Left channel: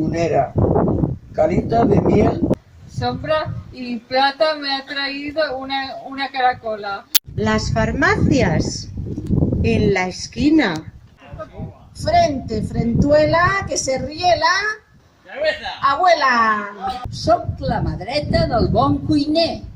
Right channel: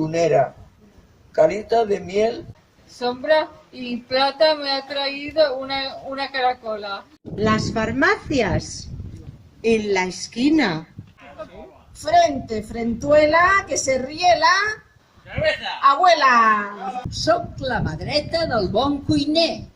gunera, carita de miel. Sombra y plata me ha traído una caracola. Las farmacias en la esquina. Frente, frentuela, que se rie la... abuela. Soc la mà dreta del bon cuiner.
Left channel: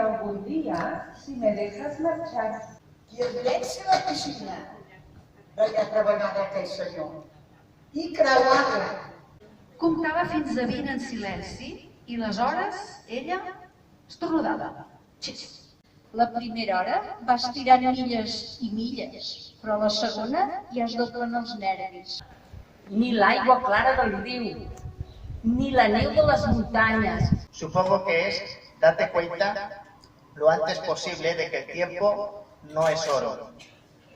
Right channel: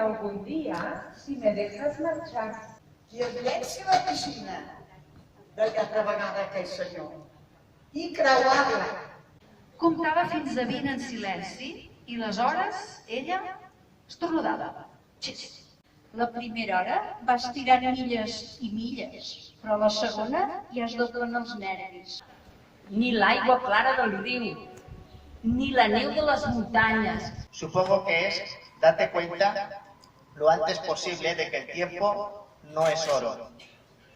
Algún día, si me dejas marxar. I es llença a la piscina, deia altra vegada aquell senyor, i creuar-la. Comptava fins a 20 en silenci i les hores, ella, estordada. La primera hora va estirant milles i milles, però la segona ja es doblen els nervis. Ni l'aigua clara del riu, ni la neu de les muntanyes. Supongo que es date cuenta lo antes posible de que el tiempo no es oro,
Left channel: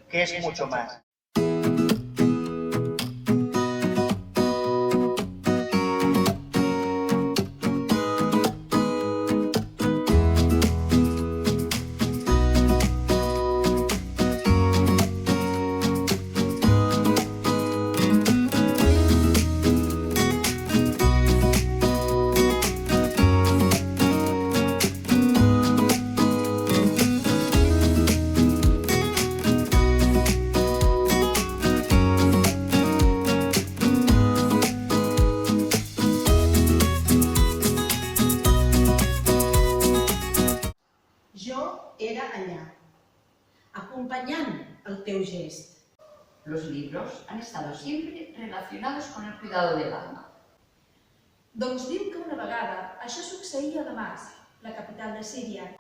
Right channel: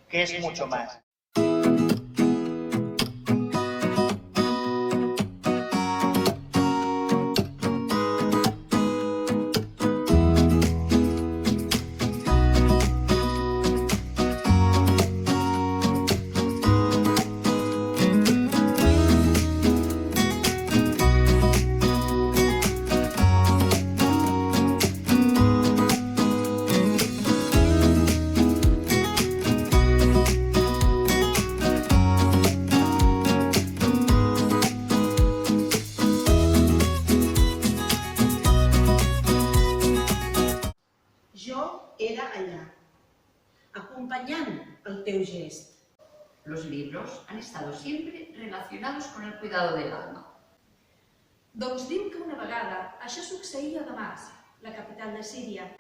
que es mucho más. Era allá, acompañando el teu gest. Los libros han estado siempre relacionados con el cuidado del alma. Doncs diu que una vegada això succeïa a Damasc, la capital de Síria,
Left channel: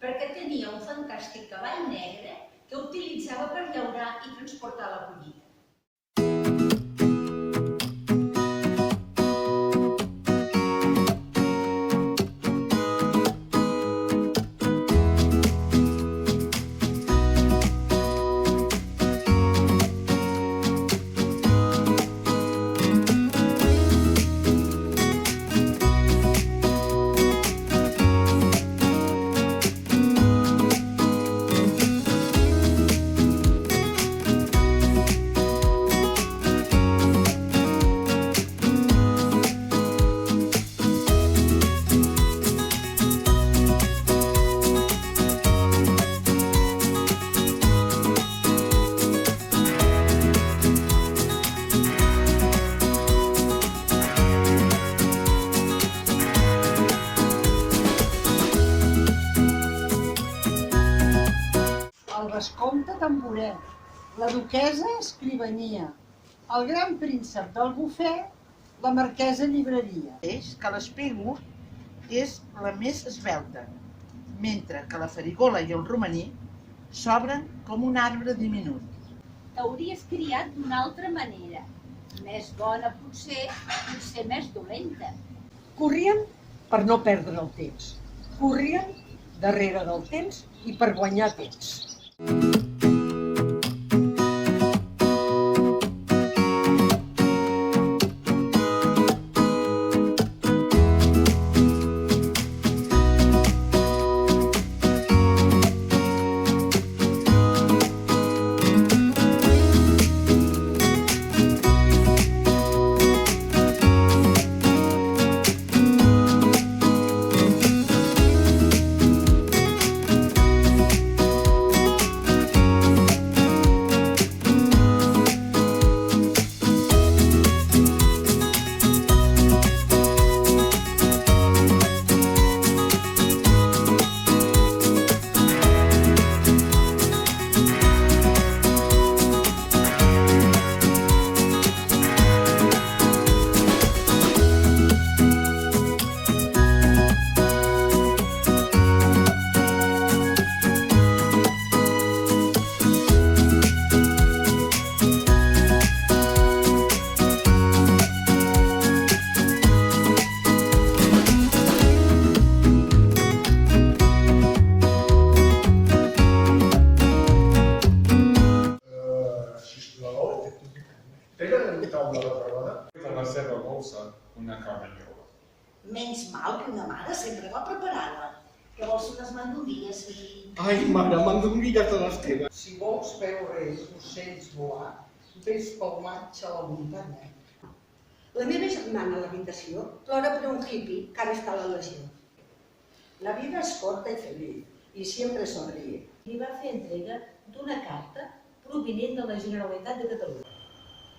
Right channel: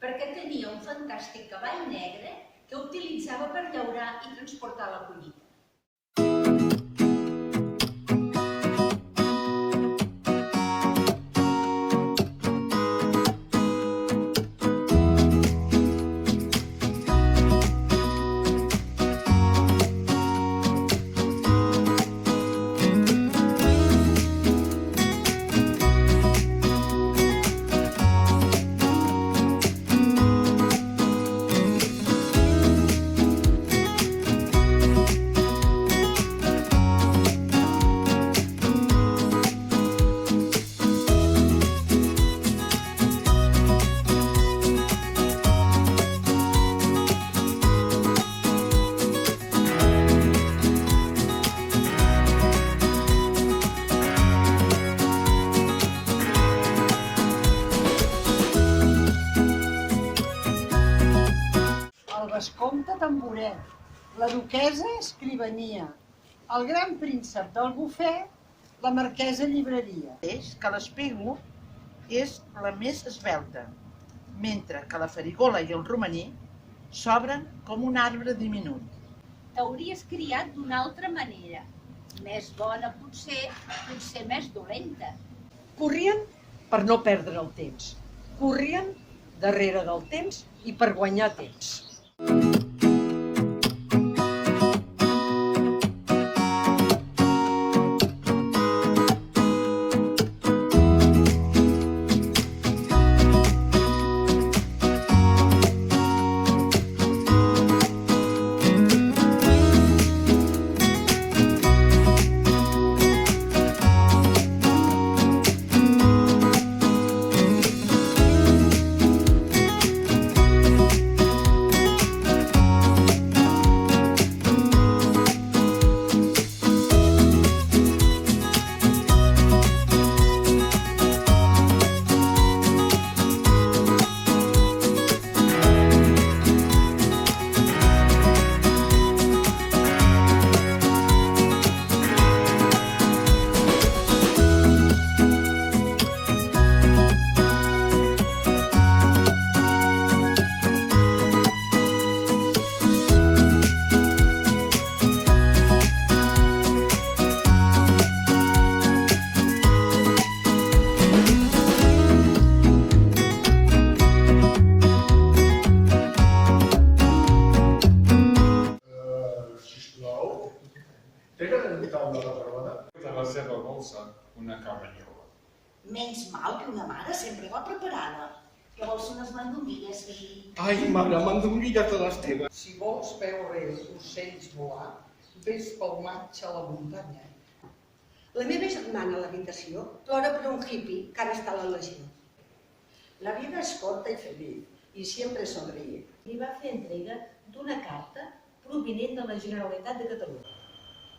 perquè tenia un fantàstic cavall negre que utilitzava per llaurar i transportar la collita. El vescomte tamboret, la duquesa escrivania, el gran príncep del bufet, la marquesa llibreria. És que l'espígol és la més esvelta, mentre que la farigola i el romaní s'obren com un arbre diminut. T'hauries criat d'una altra manera, més bona potser més dolenta. Corrien per no perdre el temps, corrien darrere del temps i per guanyar temps. una caramanyola. Menys mal que una mare sempre va preparada. Que vols unes mandonguilles, fill? Ai, mare, mandonguilles de les teves. Si vols veure ocells volar, vés pel maig a la muntanya. La meva germana a l'habitació plora per un hippie que ara està a la legió. La vida es corta y feliz, y siempre sonríe. Li va fer entrega d'una carta provinent de la Generalitat de Catalunya.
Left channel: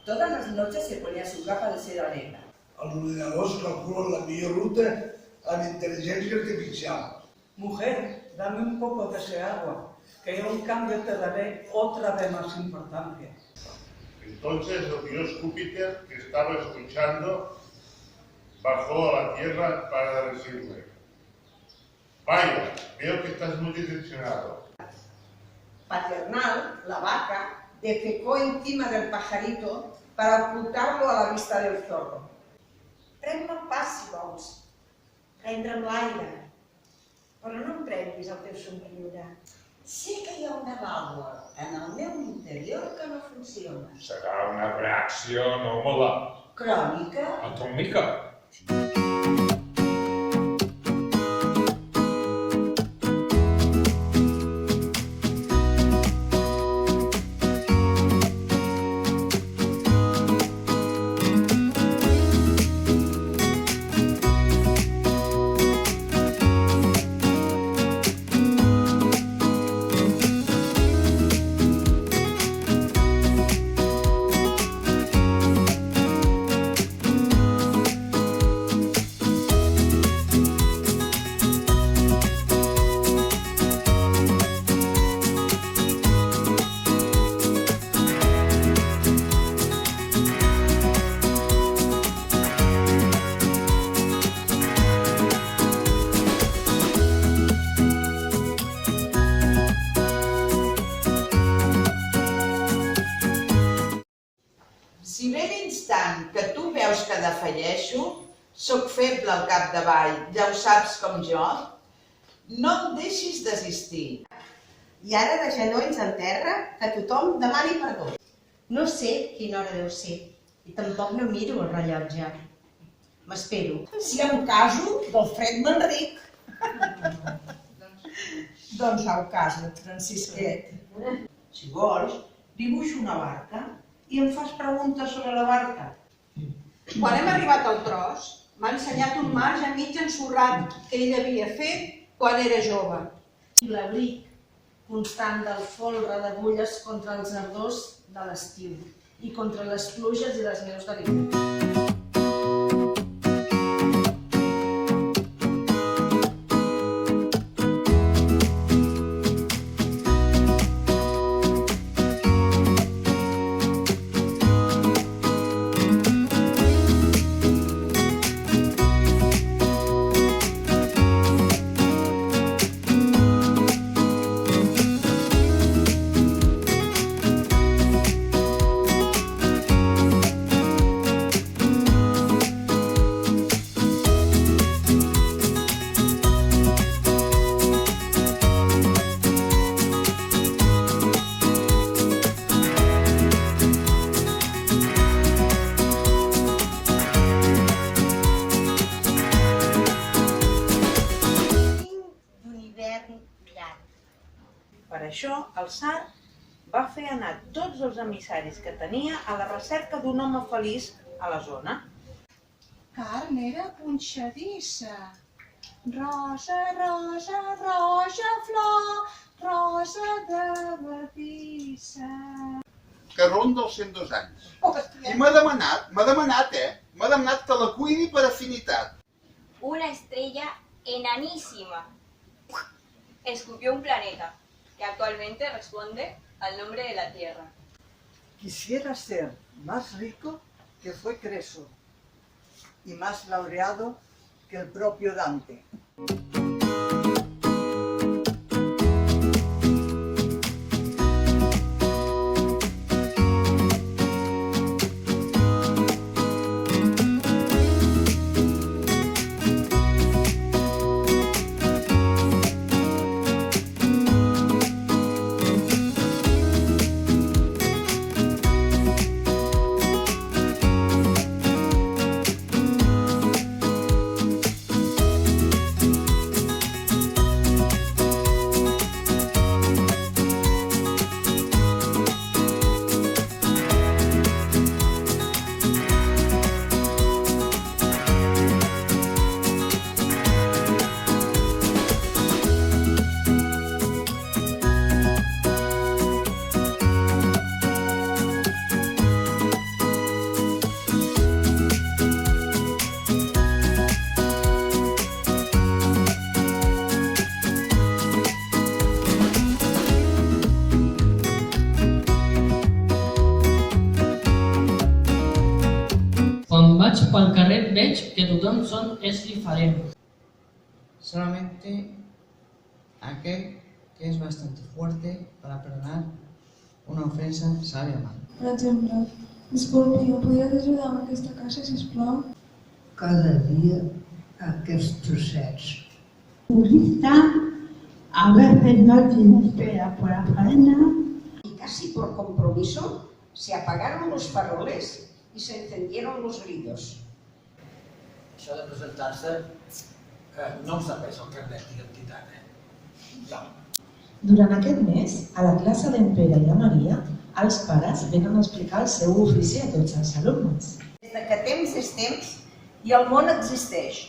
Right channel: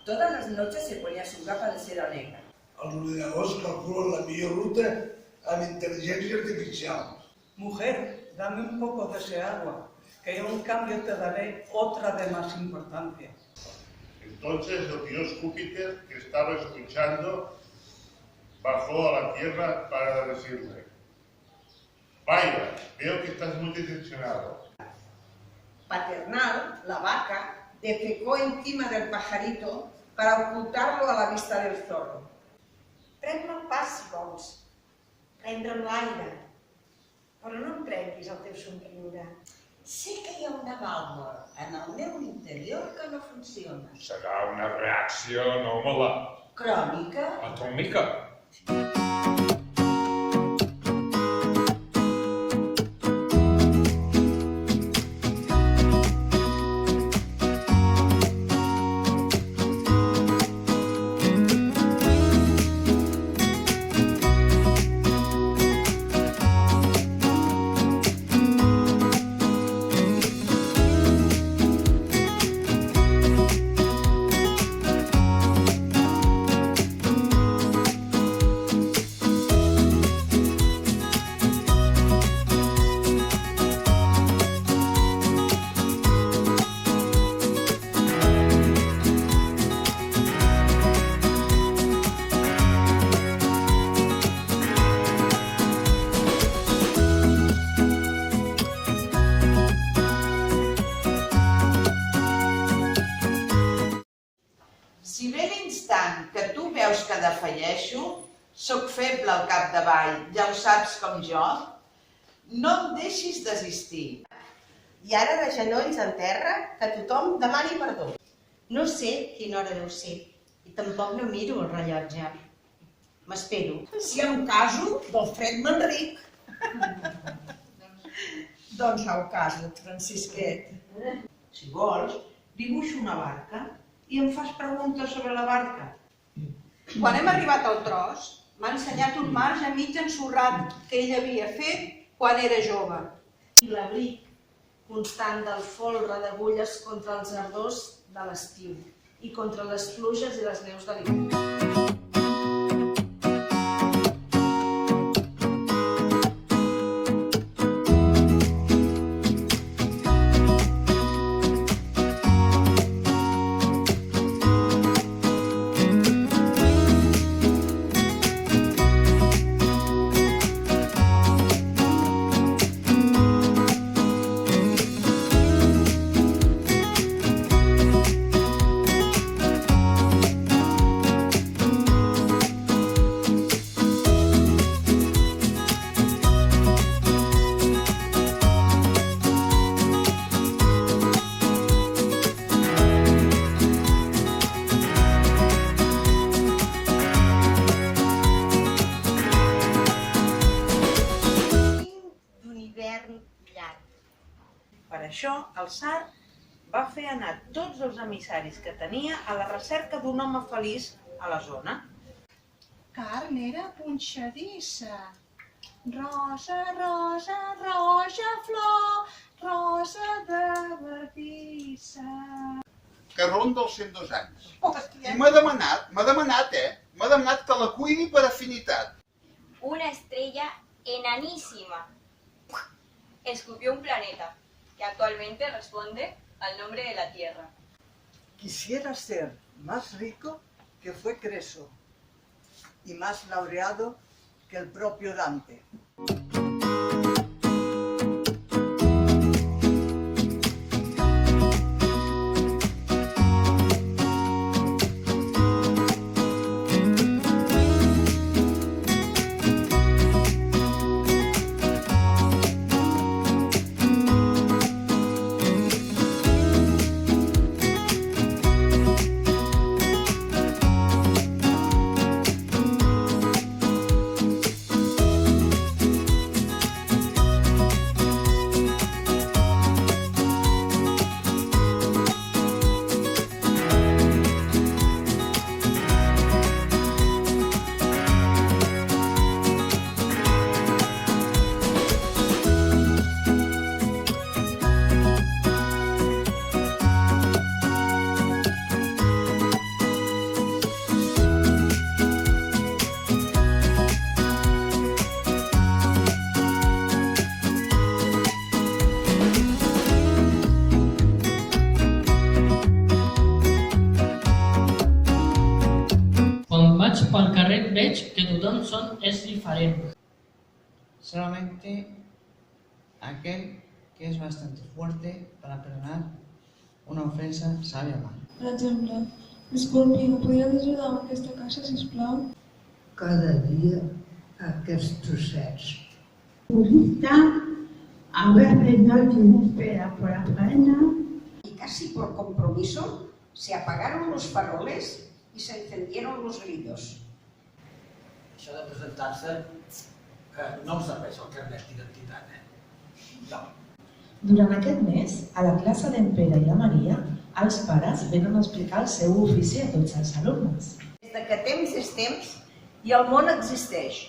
Todas las noches se ponía su capa de seda negra. Els ordinadors calculen la millor ruta amb intel·ligència artificial. Mujer, dame un poco de ese agua, que yo en cambio te daré otra de más importancia. Entonces el dios Júpiter, que estaba escuchando, bajó a la tierra para decirle: vaya, veo que estás muy decepcionado. Paternal, la vaca, defecó encima del pajarito para ocultarlo a la vista del zorro. Pren-me el pas, si vols. Prendre'm l'aire. Però no em prenguis el teu somriure. Sé que hi ha una vàlvula en el meu interior que no funciona. Serà una reacció anòmala. Crònica? Atòmica. Si ve l'instant que tu veus que defalleixo, soc feble al capdavall, ja ho saps com jo, no em deixis desistir. I ara de genolls en terra, que tothom demani perdó. No sé quina hora deu ser, i tampoc no miro el rellotge. M'espero. Si em caso, del fred m'enric. Doncs au caso, Francisquet. Si vols, dibuixo una barca i em fas preguntes sobre la barca. Quan hem arribat al tros, m'ha ensenyat un marge mig ensorrat que ell havia fet quan era jove. I l'abric constant del folre d'agulles contra els ardors de l'estiu i contra les pluges i les neus de l'hivern. Per això, el tsar va fer anar tots els emissaris que tenia a la recerca d'un home feliç a la zona. Carn era punxadissa. Rosa, rosa, roja flor, rosa de verdissa. Que ronda els 102 anys. I m'ha demanat, m'ha demanat que la cuidi per afinitat. Una estrella enanísima escupió un planeta que actualmente responde al nombre de la Tierra. Quisiera ser más rico que fue Creso y más laureado que el propio Dante. pel carrer veig que tothom és diferent. Solamente aquel que es bastante fuerte para perdonar una ofensa sabe amar. Per exemple, disculpi, em podries ajudar amb aquesta caixa, sisplau? Cada dia aquests trossets. Purista, a veces no tiene espera por la faena. Y casi por compromiso se apagaron los faroles y se encendieron los grillos. Això de presentar-se no us serveix el carnet d'identitat, No. Durant aquest mes, a la classe d'en Pere i la Maria, els pares venen a explicar el seu ofici a tots els alumnes. Des que temps és temps i el món existeix.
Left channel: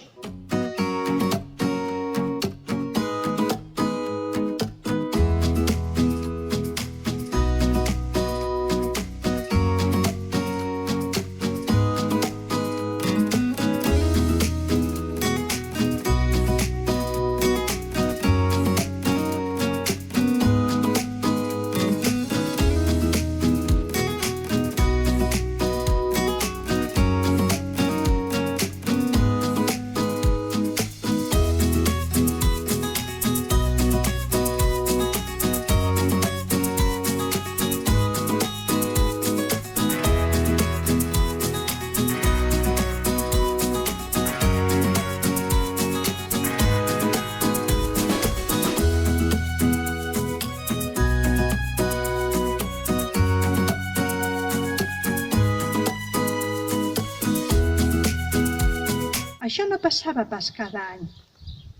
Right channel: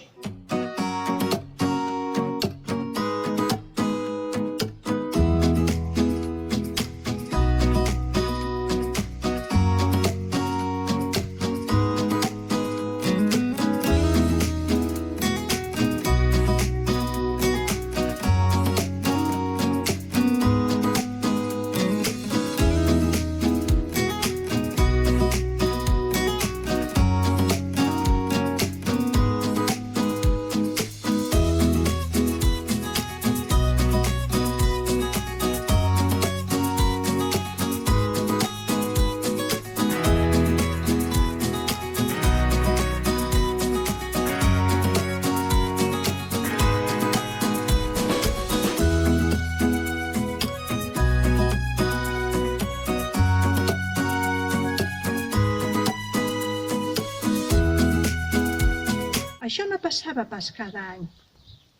Això no passava pas cada any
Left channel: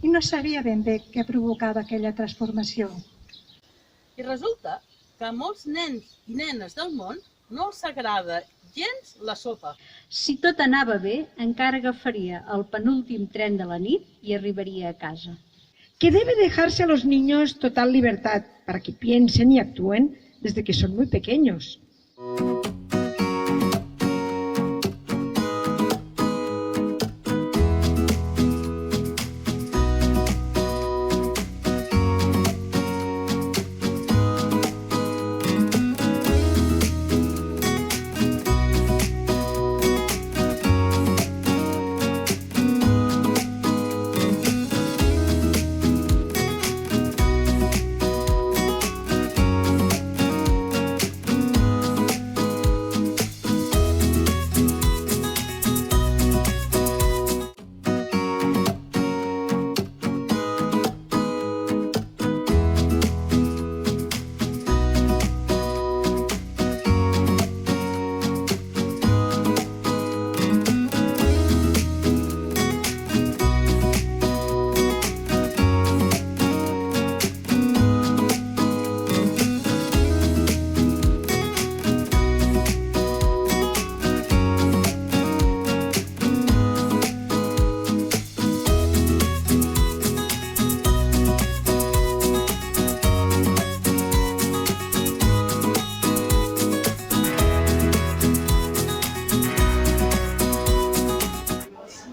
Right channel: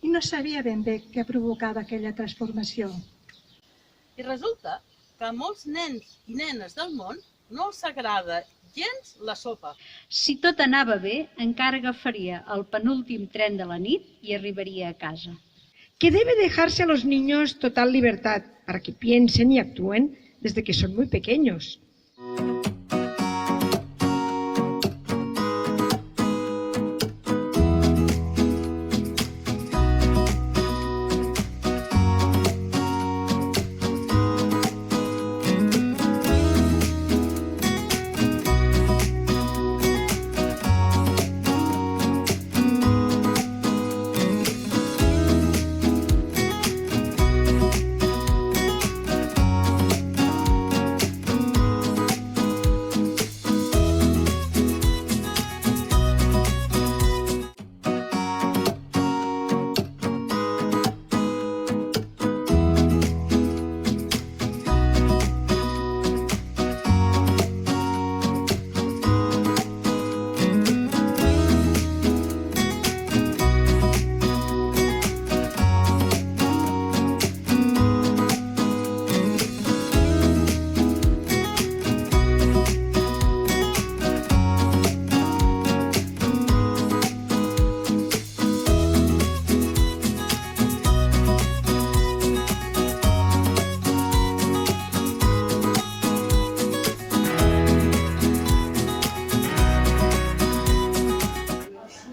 i no sabia ben bé què provocava aquella transformació. I resulta que a molts nens i nenes del món no els agrada gens la sopa. Si tot anava bé, encara agafaria el penúltim tren de la nit i arribaria a casa. Que debe dejarse a los niños total libertad para que piensen y actúen desde que son muy pequeños.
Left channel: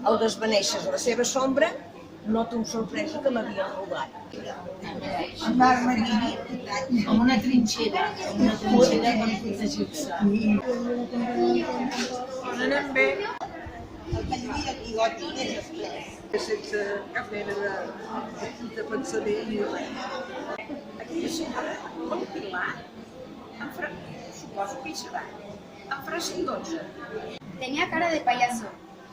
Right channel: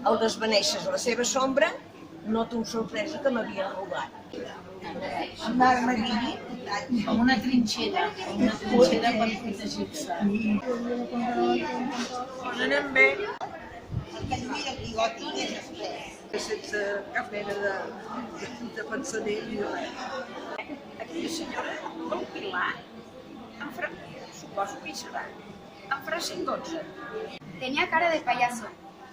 Al desvaneixes la seva sombra, noto amb sorpresa que m'havien robat. Anar-me com una trinxera per protegir-se. On anem bé? Sense cap mena de pensament ni res. Aquella senyora, el Pilar, suposo que hi serà, en farà 112. Tenía cara de payaso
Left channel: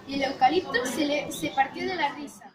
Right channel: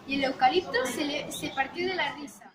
y el eucalipto se partió de la risa.